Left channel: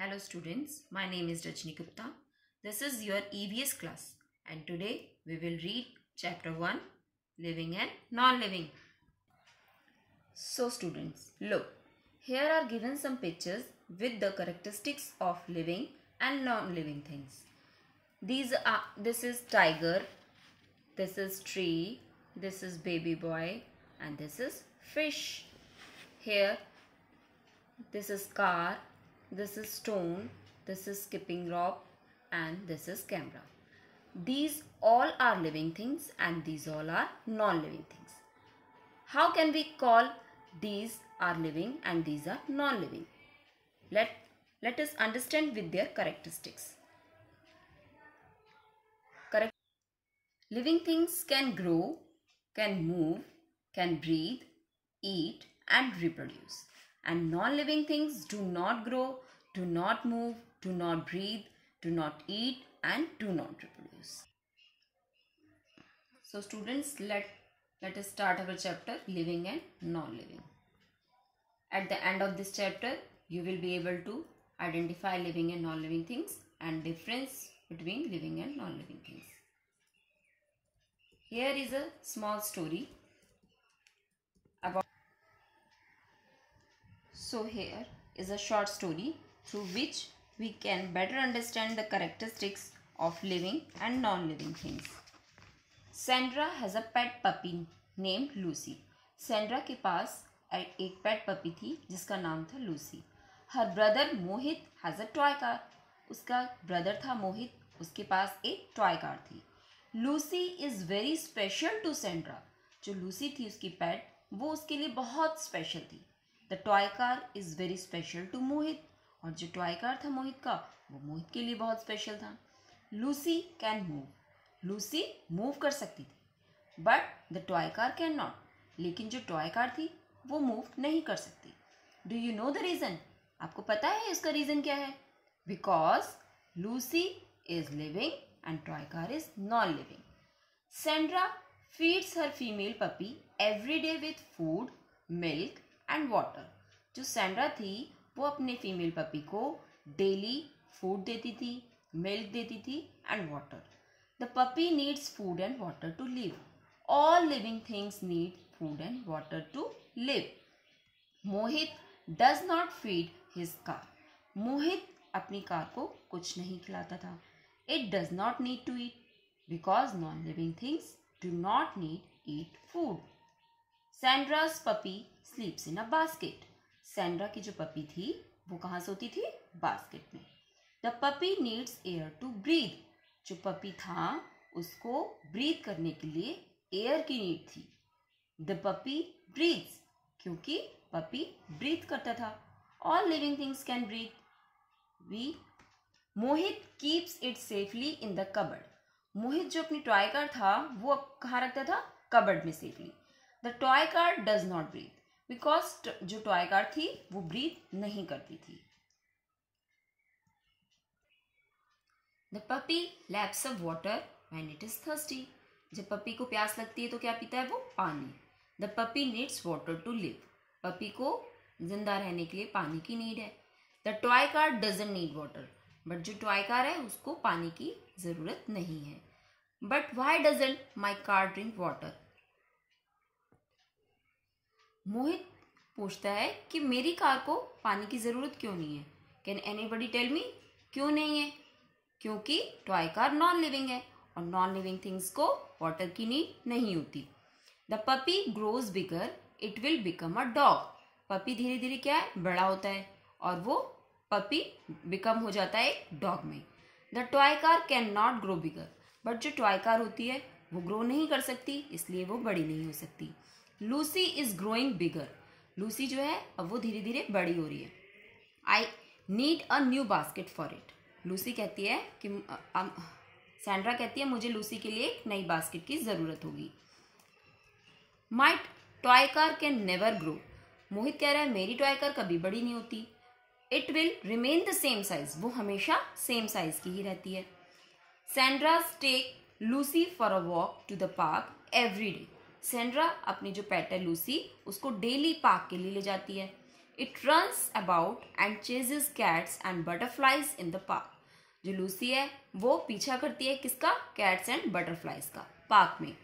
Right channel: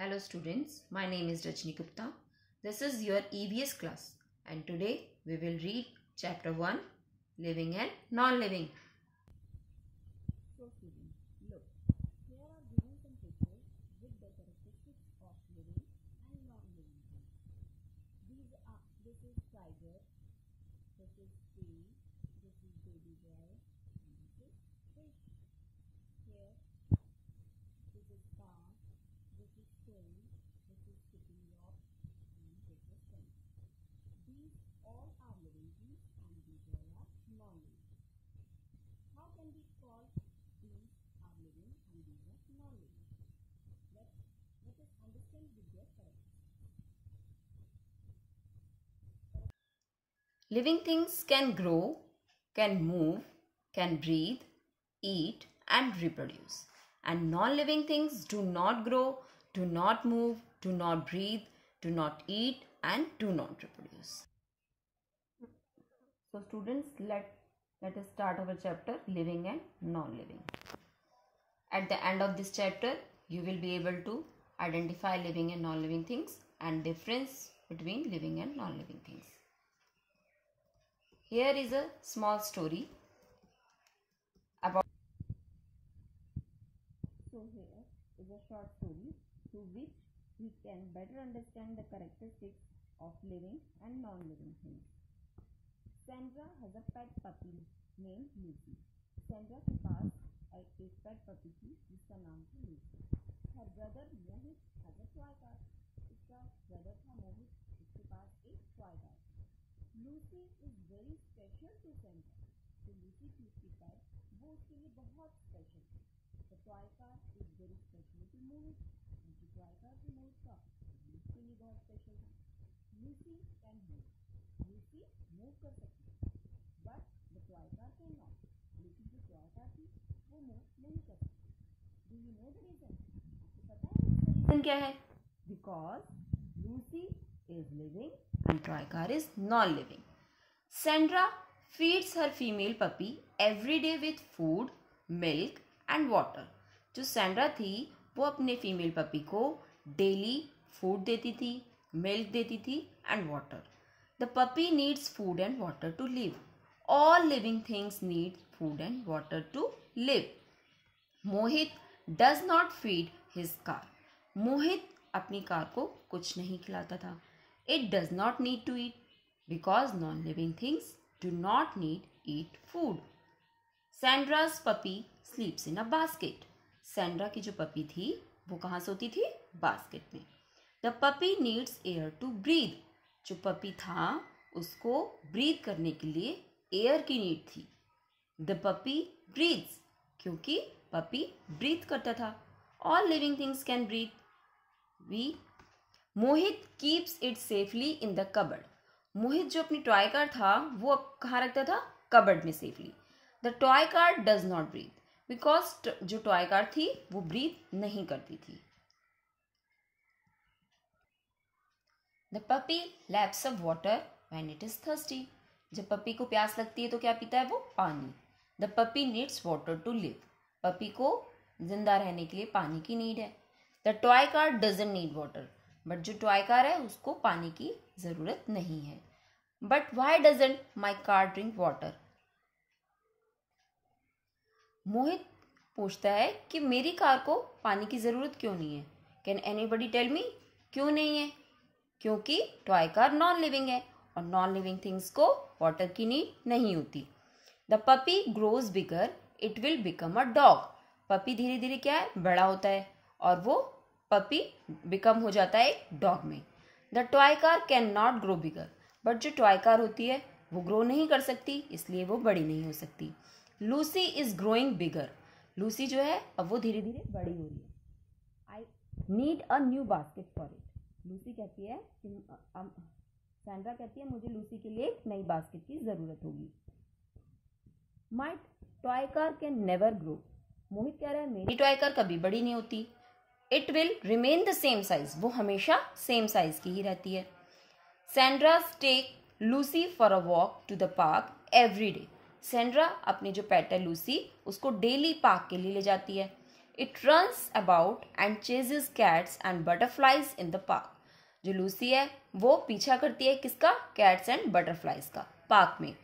Hello students, my name is Rajni Gupta. This is your EVS class and today we will read chapter 1, living and non-living. So students, look, here are given some pictures with the characteristics of living and non-living things. This is tiger, this is tree, this is baby boy and this is fish. Here this is car, this is stone, this is skipping rope and this is camera. These all are living things and these all are non-living things. How can we call these are living and these are non-living? Let us understand with their characteristics. Living things can grow, can move, can breathe, eat and reproduce. And non-living things do not grow, do not move, do not breathe, do not eat and do not reproduce. So students, let us start our chapter living and non-living. At the end of this chapter, you will be able to identify living and non-living things and difference between living and non-living things. Here is a small story about. So here is a short story through which we can better understand the characteristics of living and non-living things. Sandra has a pet puppy named Lucy. Sandra के पास एक पेट puppy थी जिसका नाम था Lucy. Her brother Mohit has a toy car. उसका brother था मोहित, उसके पास एक टॉय कार थी. Lucy is very special to Sandra. जो लूसी थी उसकी पेट, वो उसके लिए बहुत स्पेशल थी. The toy car is very special to Mohit. और जो टॉय कार था मोहित का, वो मोहित के लिए बहुत स्पेशल था. Lucy can move. Lucy move कर सकती थी. But the toy car can not. लेकिन जो टॉय कार थी वो मूव नहीं कर सकती. Do you know the reason? आपको पता है इसका रीज़न क्या है? Because Lucy is living and toy car is non-living. Sandra feeds her female puppy every day with food, milk and water. जो सैंड्रा थी वो अपने फीमेल पपी को डेली फूड देती थी, मिल्क देती थी and water. The puppy needs food and water to live. All living things need food and water to live. Mohit does not feed his car. Mohit अपनी कार को कुछ नहीं खिलाता था. It does not need to eat because non-living things do not eat food. Sandra's puppy sleeps in a basket. Sandra की जो puppy थी वो कहाँ सोती थी? बास्केट में. The puppy needs air to breathe. जो पपी था उसको ब्रीथ करने के लिए एयर की नीड थी. The puppy breathes क्योंकि पपी ब्रीथ करता था. All living things can breathe. Mohit keeps it safely in the cupboard. Mohit जो अपनी टॉय कार था वो कहाँ रखता था? कबर्ड में safely. The toy car does not breathe because जो टॉय कार थी वो ब्रीथ नहीं करती थी. The puppy laps of water when it is thirsty. जब पपी को प्यास लगती है तो क्या पीता है वो? पानी. The puppy needs water to live. Puppy को जिंदा रहने के लिए पानी की नीड है. The toy car doesn't need water. But जो टॉय कार है उसको पानी की ज़रूरत नहीं है. But why doesn't my car drink water? Mohit पूछता है कि मेरी कार को पानी की ज़रूरत क्यों नहीं है. Can anybody tell me? क्यों नहीं है? क्योंकि टॉय कार नॉन लिविंग है और नॉन लिविंग थिंग्स को वाटर की नीड नहीं होती. The puppy grows bigger, it will become a dog. Puppy धीरे धीरे क्या है? बड़ा होता है और वो पपी बिकम हो जाता है डॉग में. The toy car can not grow bigger. But जो टॉय कार होती है वो ग्रो नहीं कर सकती, इसलिए वो बड़ी नहीं हो सकती. Lucy is growing bigger. Lucy जो है अब वो धीरे धीरे बड़ी हो रही है. I need a new basket for it. Lucy कहती है कि सैंड्रा कहती है मुझे लूसी के लिए एक नई बास्केट की ज़रूरत होगी. My toy car can never grow. Mohit कह रहा है मेरी टॉय कार कभी बड़ी नहीं होती. It will remain the same size. वो हमेशा सेम साइज की ही रहती है. Sandra take Lucy for a walk to the park every day. Sandra अपनी जो पेट है लूसी उसको डेली पार्क के लिए ले जाती है. It runs about and chases cats and butterflies in the park. जो लूसी है वो पीछा करती है किसका? कैट्स एंड बटरफ्लाइज का पार्क में.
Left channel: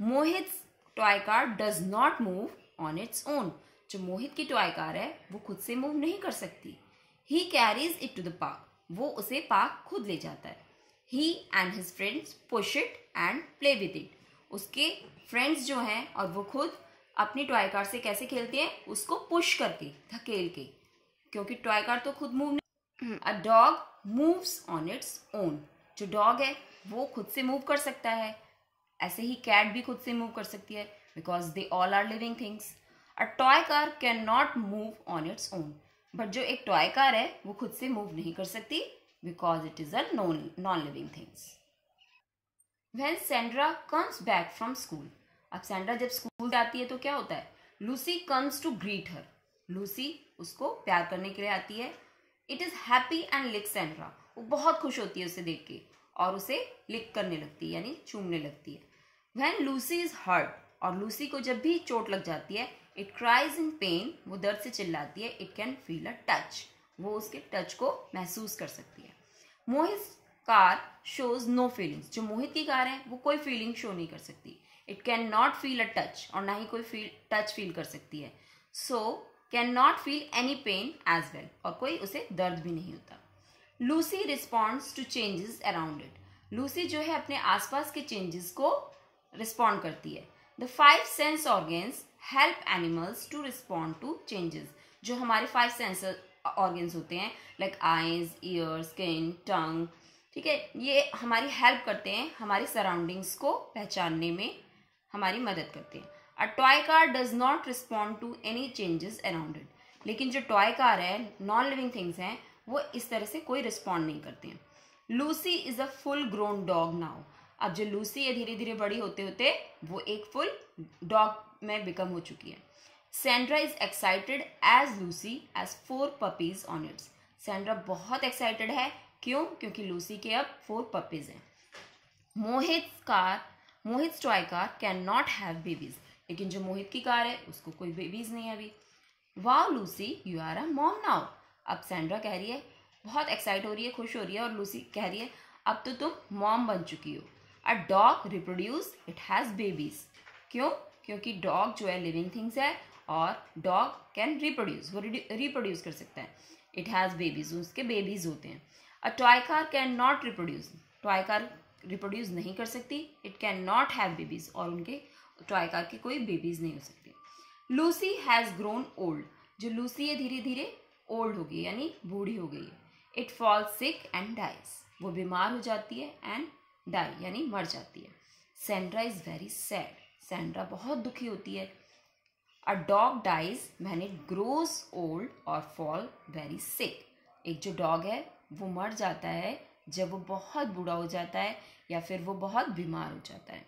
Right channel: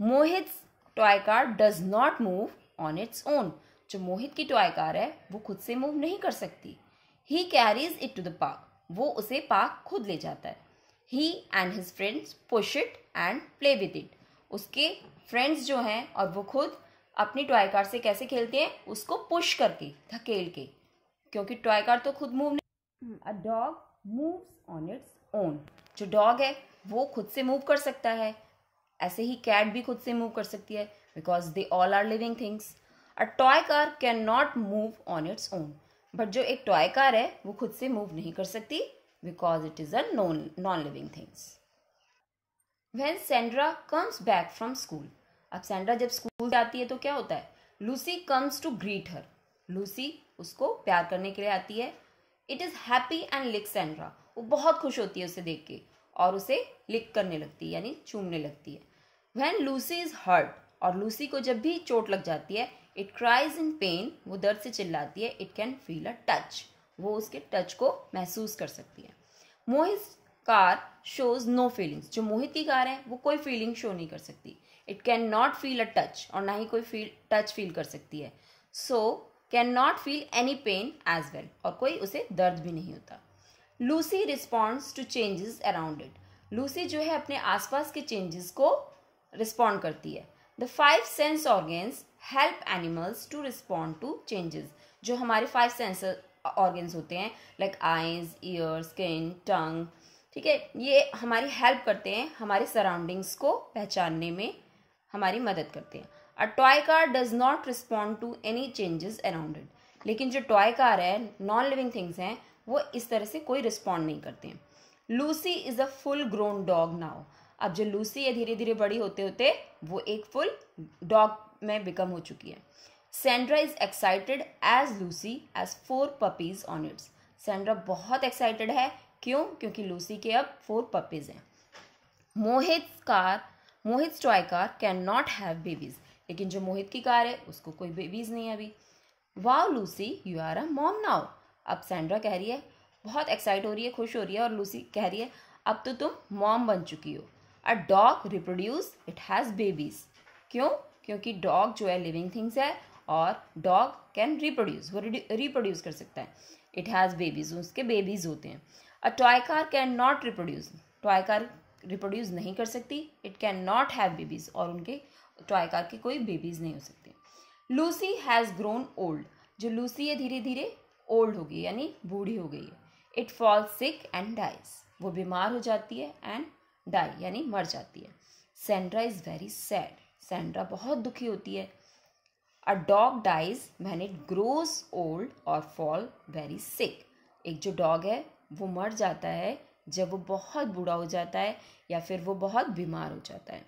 Mohit toy car does not move on its own. जो मोहित की टॉय कार है वो खुद से मूव नहीं कर सकती. He carries it to the park. वो उसे पार्क खुद ले जाता है. He and his friends push it and play with it. उसके फ्रेंड्स जो हैं और वो खुद अपनी टॉय कार से कैसे खेलते हैं? उसको पुश करके, धकेल के, क्योंकि टॉय कार तो खुद मूव नहीं. A dog moves on its own. जो डॉग है वो खुद से मूव कर सकता है. ऐसे ही कैट भी खुद से मूव कर सकती है because they all are living things. A toy car can not move on its own. But जो एक टॉय कार है वो खुद से मूव नहीं कर सकती because it is a non living things. When Sandra comes back from school. अब सैंड्रा जब स्कूल जाती है तो क्या होता है? Lucy comes to greet her. Lucy उसको प्यार करने के लिए आती है. It is happy and licks Sandra. वो बहुत खुश होती है उसे देख के और उसे लिक करने लगती है यानी चूमने लगती है. When Lucy is hurt. और लूसी को जब भी चोट लग जाती है, it cries in pain. वो दर्द से चिल्लाती है. It can feel a touch. वो उसके टच को महसूस कर सकती है. मोहित कार शोज नो फीलिंग्स. जो मोहित की कार है वो कोई फीलिंग शो नहीं कर सकती. It can not feel a touch. और ना ही कोई टच फील कर सकती है. So can not feel any pain as well. और कोई उसे दर्द भी नहीं होता. Lucy responds to changes around it. Lucy जो है अपने आसपास के चेंजेस को रिस्पॉन्ड करती है. The 5 sense organs help animals to respond to changes. जो हमारे 5 सेंस ऑर्गन्स होते हैं like eyes, ear, skin, tongue, ठीक है, ये हमारी हेल्प करते हैं, हमारे सराउंडिंग्स को पहचानने में हमारी मदद करते हैं. A toy car does not respond to any changes around it. लेकिन जो टॉय कार है, नॉन लिविंग थिंग्स हैं, वो इस तरह से कोई रिस्पॉन्ड नहीं करते हैं. Lucy is a full grown dog now. अब जो लूसी है धीरे धीरे बड़ी होते होते वो एक फुल डॉग में बिकम हो चुकी है. Sandra is excited as Lucy as 4 puppies on its. Sandra बहुत एक्साइटेड है. क्यों? क्योंकि लूसी के अब 4 पपीज हैं. Mohit toy car can not have babies. लेकिन जो मोहित की कार है उसको कोई बेबीज नहीं है अभी. Wow Lucy, you are a mom now. अब सैंड्रा कह रही है, बहुत एक्साइट हो रही है, खुश हो रही है, और लूसी कह रही है अब तो तुम मॉम बन चुकी हो. A dog reproduce, it has babies. क्यों? क्योंकि डॉग जो है लिविंग थिंग्स है और डॉग कैन रिप्रोड्यूस, वो रिप्रोड्यूस कर सकता है. इट हैज बेबीज, उसके बेबीज होते हैं. A toy car can not reproduce. Toy car reproduce नहीं कर सकती. It can not have babies, और उनके टॉय कार के कोई बेबीज नहीं हो सकते. Lucy has grown old. जो लूसी है धीरे धीरे ओल्ड हो गई यानी बूढ़ी हो गई है. It falls sick and dies. वो बीमार हो जाती है एंड डाई यानी मर जाती है. Sandra is very sad. Sandra बहुत दुखी होती है. A dog dies when it grows old और फॉल वेरी सिक. एक जो डॉग है वो मर जाता है जब वो बहुत बूढ़ा हो जाता है या फिर वो बहुत बीमार हो जाता है.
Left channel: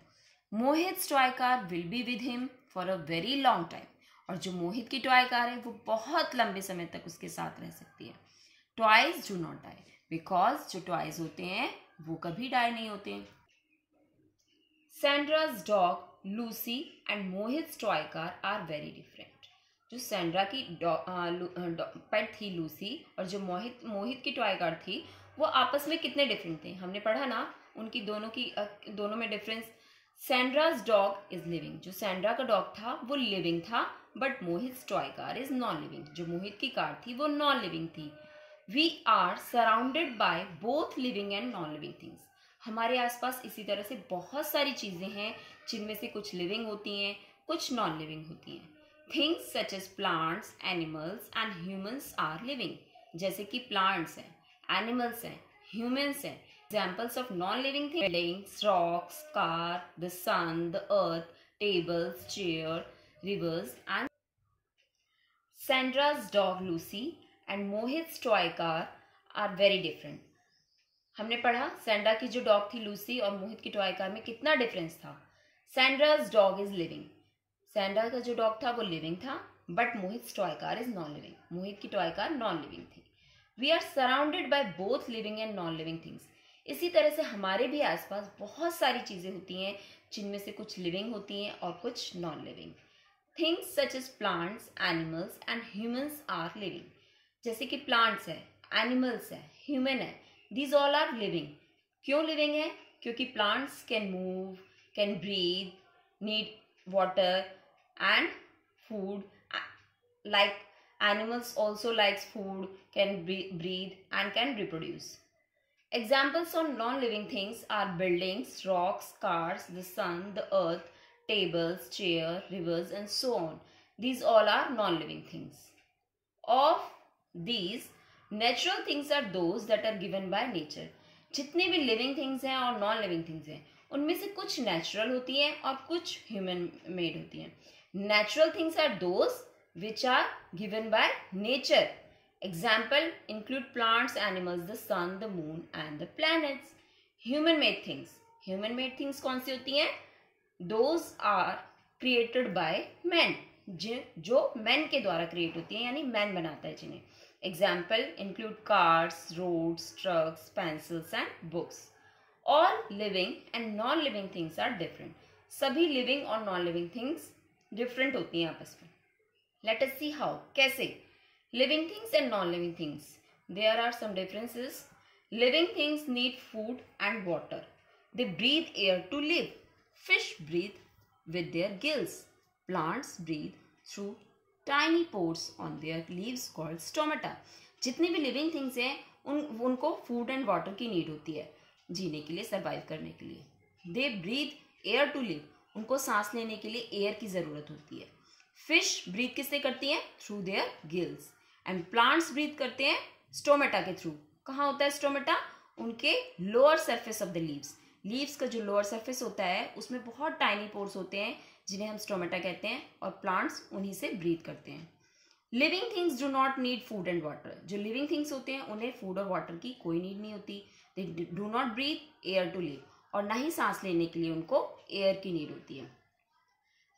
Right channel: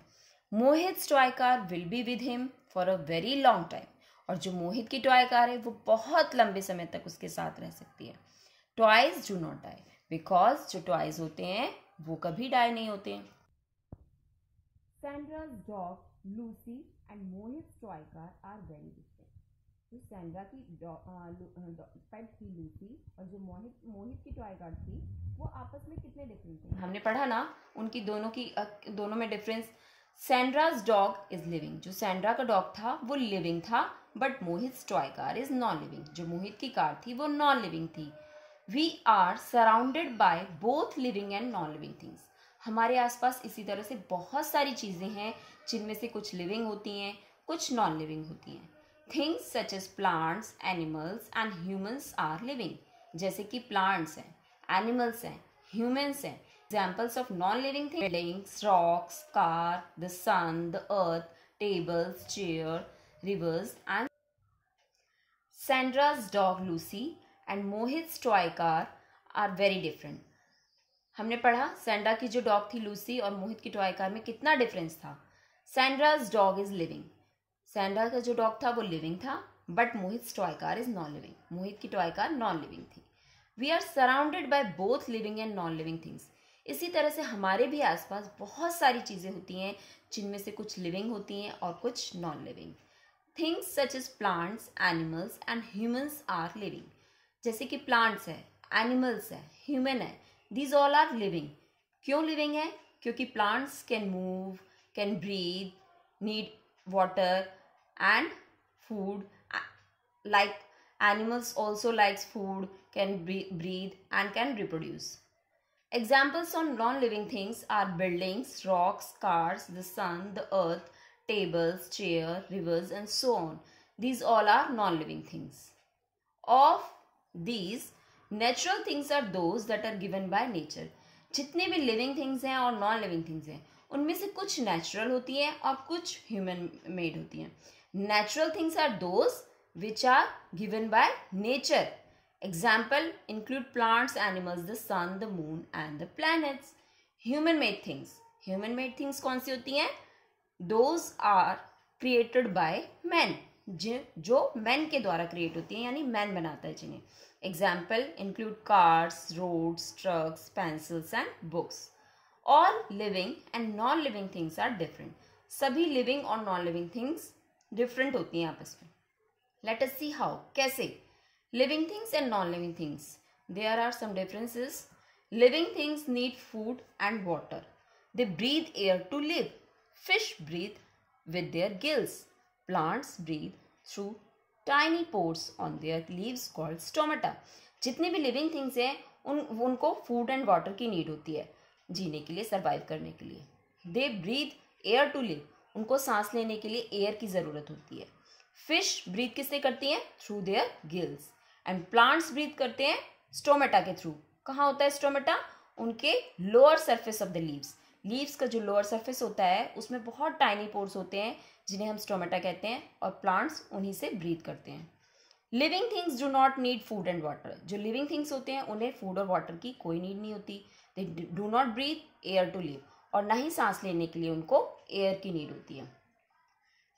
Mohit toy car will be with him for a very long time. और जो मोहित की टॉय कार है वो बहुत लंबे समय तक उसके साथ रह सकती है. Toys do not die because जो टॉयज होते हैं वो कभी डाई नहीं होते हैं. Sandra's dog, Lucy and Mohit toy car are very different. जो सैंड्रा की पेट थी लूसी और जो मोहित की टॉय कार थी वो आपस में कितने डिफरेंट थे. हमने पढ़ा ना उनकी दोनों में difference. Sandra's dog is living. जो सैंड्रा का डॉग था वो लिविंग था, but Mohit toy car is non living. जो मोहित की कार थी वो नॉन लिविंग थी. We are surrounded by both living and non living things. हमारे आसपास इसी तरह से बहुत सारी चीजें हैं जिनमें से कुछ लिविंग होती हैं, कुछ नॉन लिविंग होती हैं. Things such as plants, animals and humans are living. जैसे कि प्लांट्स हैं, एनिमल्स हैं, ह्यूमंस हैं. Examples of non living things: buildings, rocks, car, the sun, the earth, tables, chair, rivers and. Sandra's dog Lucy and Mohit's toy car are very different. हमने पढ़ा Sandra की जो dog थी Lucy और मोहित की toy car में कितना difference था. Sandra's dog is living. Sandra का जो डॉग था वो लिविंग था, but Mohit toy car is non living. Mohit की टॉय कार नॉन लिविंग थी. We are surrounded by both living and non living things. इसी तरह से हमारे भी आसपास बहुत सारी चीजें होती हैं जिनमें से कुछ लिविंग होती हैं और कुछ non living. Things such as plants, animals and humans are living. जैसे कि प्लांट्स है, एनिमल्स है, ह्यूमन है, दीज ऑल आर लिविंग. क्यों लिविंग है? क्योंकि plants can move, can breathe, need water and food, like animals also likes food, can breathe and can reproduce. Examples on non-living things are buildings, rocks, cars, the sun, the earth, tables, chair, rivers and so on. These all are non-living things. Of these, natural things are those that are given by nature. जितने भी living things हैं और non-living things हैं, उनमें से कुछ natural होती हैं और कुछ human made होती हैं. Natural things are those which are given by nature. Example include plants, animals, the sun, the moon and the planets. Human made things. Human made things कौन सी होती हैं? Those are created by men. जो men के द्वारा create होती हैं, यानी man बनाता है जिन्हें. Example include cars, roads, trucks, pencils and books. All living and non-living things are different. सभी living और non-living things डिफरेंट होती हैं आपस में. Let us see how. कैसे? Living things and non living things, there are some differences. Living things need food and water. They breathe air to live. Fish breathe with their gills. Plants breathe through tiny pores on their leaves called stomata. जितने भी living things हैं उनको food and water की need होती है जीने के लिए, सर्वाइव करने के लिए. They breathe air to live. उनको सांस लेने के लिए एयर की जरूरत होती है. फिश ब्रीथ किससे करती हैं? Through their gills. And plants breathe करते हैं स्टोमेटा के थ्रू. कहाँ होता है स्टोमेटा? उनके lower surface of the leaves. Leaves का जो लोअर सरफेस होता है उसमें बहुत टाइनी पोर्स होते हैं जिन्हें हम स्टोमेटा कहते हैं, और प्लांट्स उन्हीं से ब्रीथ करते हैं. Living things do not need food and water. जो लिविंग थिंग्स होते हैं उन्हें फूड और वाटर की कोई नीड नहीं होती. They do not breathe air to live. और ना ही सांस लेने के लिए उनको एयर की नीड होती है.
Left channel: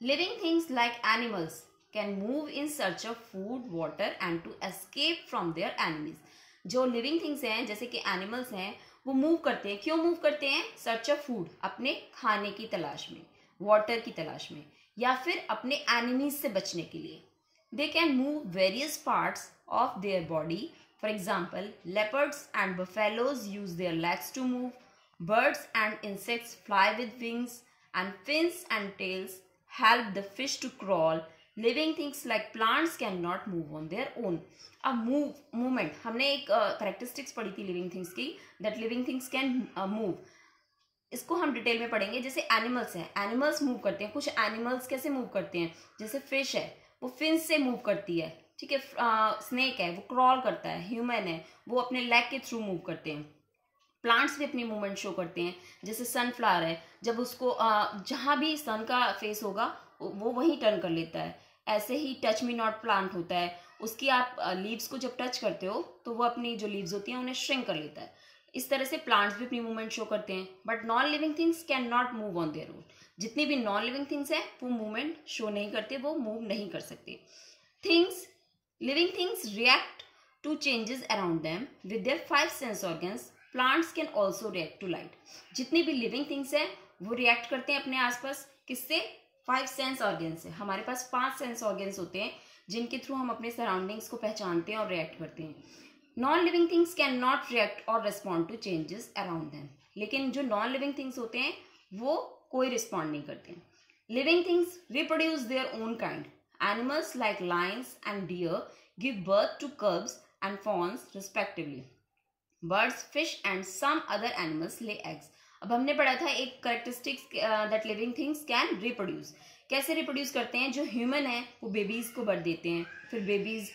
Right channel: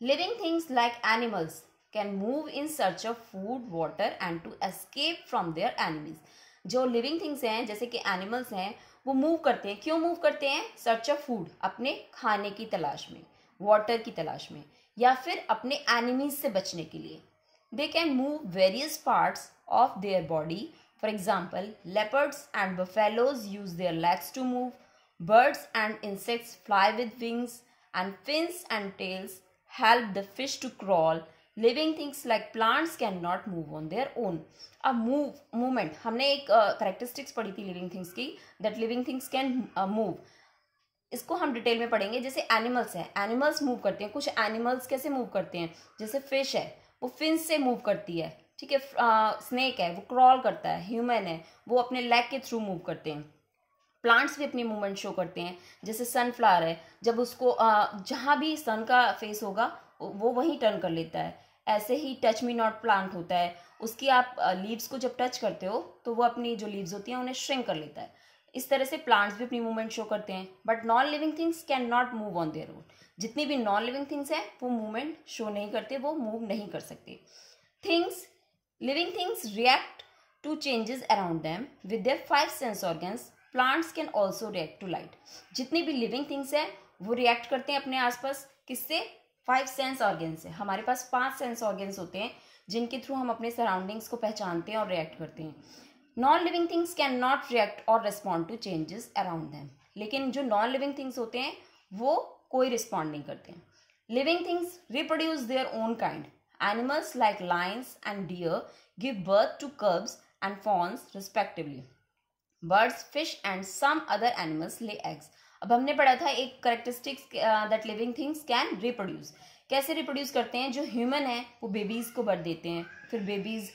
Living things like animals can move in search of food, water and to escape from their enemies. जो लिविंग थिंग्स हैं जैसे कि एनिमल्स हैं, वो मूव करते हैं. क्यों मूव करते हैं? सर्च ऑफ फूड, अपने खाने की तलाश में, वाटर की तलाश में, या फिर अपने एनिमीज से बचने के लिए. They can move various parts of their body. For example, leopards and buffaloes use their legs to move. Birds and insects fly with wings, and fins and tails help the fish to crawl. Living things like plants cannot move on their own. Movement. हमने एक characteristics पढ़ी थी living things की, that living things can move. इसको हम detail में पढ़ेंगे. जैसे एनिमल्स है, एनिमल्स मूव करते हैं. कुछ एनिमल्स कैसे मूव करते हैं? जैसे फिश है, वो फिन्स से मूव करती है. ठीक है. स्नेक है, वो क्रॉल करता है. ह्यूमन है, वो अपने लेग के थ्रू मूव करते हैं. प्लांट्स भी अपनी मूवमेंट शो करते हैं. जैसे सनफ्लावर है, जब उसको जहाँ भी सन का फेस होगा वो वहीं टर्न कर लेता है. ऐसे ही टच मी नॉट प्लांट होता है, उसकी आप लीव्स को जब टच करते हो तो वो अपनी जो लीव्स होती हैं उन्हें श्रिंक कर लेता है. इस तरह से प्लांट्स भी अपनी मूवमेंट शो करते हैं. But non living things can not move on their own. जितनी भी नॉन लिविंग थिंग्स हैं वो मूवमेंट शो नहीं करते, वो मूव नहीं कर सकते. Living things react to changes around them with their 5 sense organs. Plants can also react to light. जितनी भी लिविंग थिंग्स हैं वो रिएक्ट करते हैं अपने आसपास. किससे? 5 सेंस ऑर्गन्स से. हमारे पास 5 सेंस ऑर्गन्स होते हैं जिनके थ्रू हम अपने सराउंडिंग्स को पहचानते हैं और रिएक्ट करते हैं. Non living things can not react और respond to changes around them. लेकिन जो नॉन लिविंग थिंग्स होते हैं वो कोई रिस्पॉन्ड नहीं करते हैं. Living things reproduce their own kind. Animals like lions and deer give birth to cubs and fawns respectively. Birds, fish and some other animals lay eggs. अब हमने पढ़ा था एक characteristics that living things can reproduce. कैसे reproduce करते हैं? जो human है वो बेबीज को बर्थ देते हैं, फिर बेबीज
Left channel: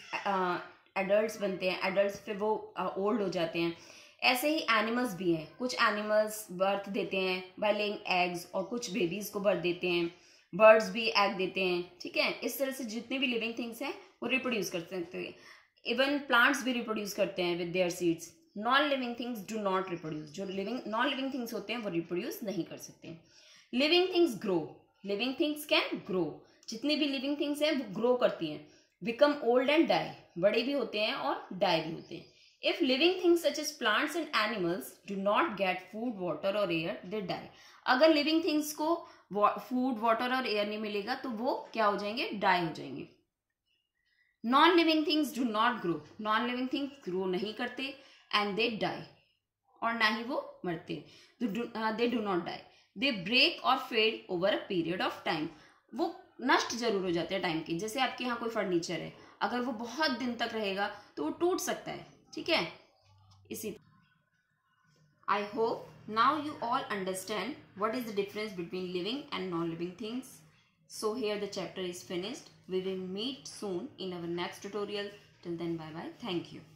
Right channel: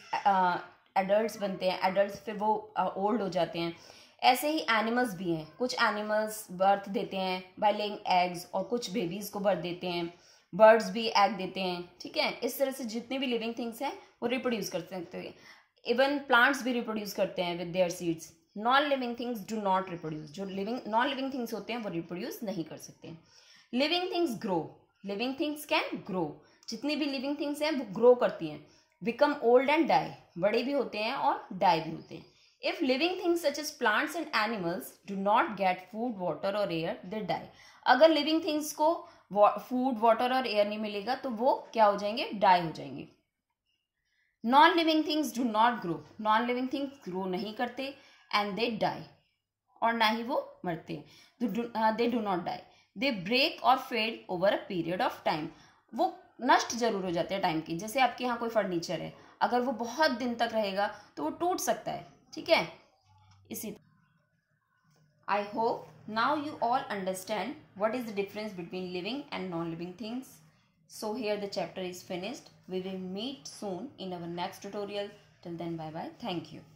एडल्ट्स बनते हैं, एडल्ट्स फिर वो ओल्ड हो जाते हैं. ऐसे ही एनिमल्स भी हैं. कुछ एनिमल्स बर्थ देते हैं बाय लेइंग एग्स और कुछ बेबीज को बर्थ देते हैं. बर्ड्स भी एग देते हैं. ठीक है. इस तरह से जितने भी लिविंग थिंग्स हैं वो रिप्रोड्यूस कर सकते हैं. इवन प्लांट्स भी रिप्रोड्यूस करते हैं with their seeds. Non living things do not reproduce. जो नॉन लिविंग थिंग्स होते हैं वो रिप्रोड्यूस नहीं कर सकते. Living things grow. Living things can grow. जितनी भी लिविंग थिंग्स हैं वो ग्रो करती हैं. Become old and die. बड़े भी होते हैं और डाई भी होते हैं. If living things such as plants and animals do not get food, water और एयर, दे डाई. अगर लिविंग थिंग्स को फूड, वाटर और एयर नहीं मिलेगा तो वो क्या हो जाएंगे, डाई हो जाएंगे। Non living things do not grow, non living things grow नहीं करते, एंड दे डाई, और ना ही वो मरते, they do not die, they break और fade over a period of time, वो नष्ट जरूर हो जाते हैं टाइम की। जैसे आपके यहाँ कोई फर्नीचर है, अगर वो बहुत दिन तक रहेगा तो वो टूट सकता है, ठीक है। इसी I hope now you all understand what is the difference between living and non-living things. So here the chapter is finished. We will meet soon in our next tutorial. Till then, bye bye. Thank you.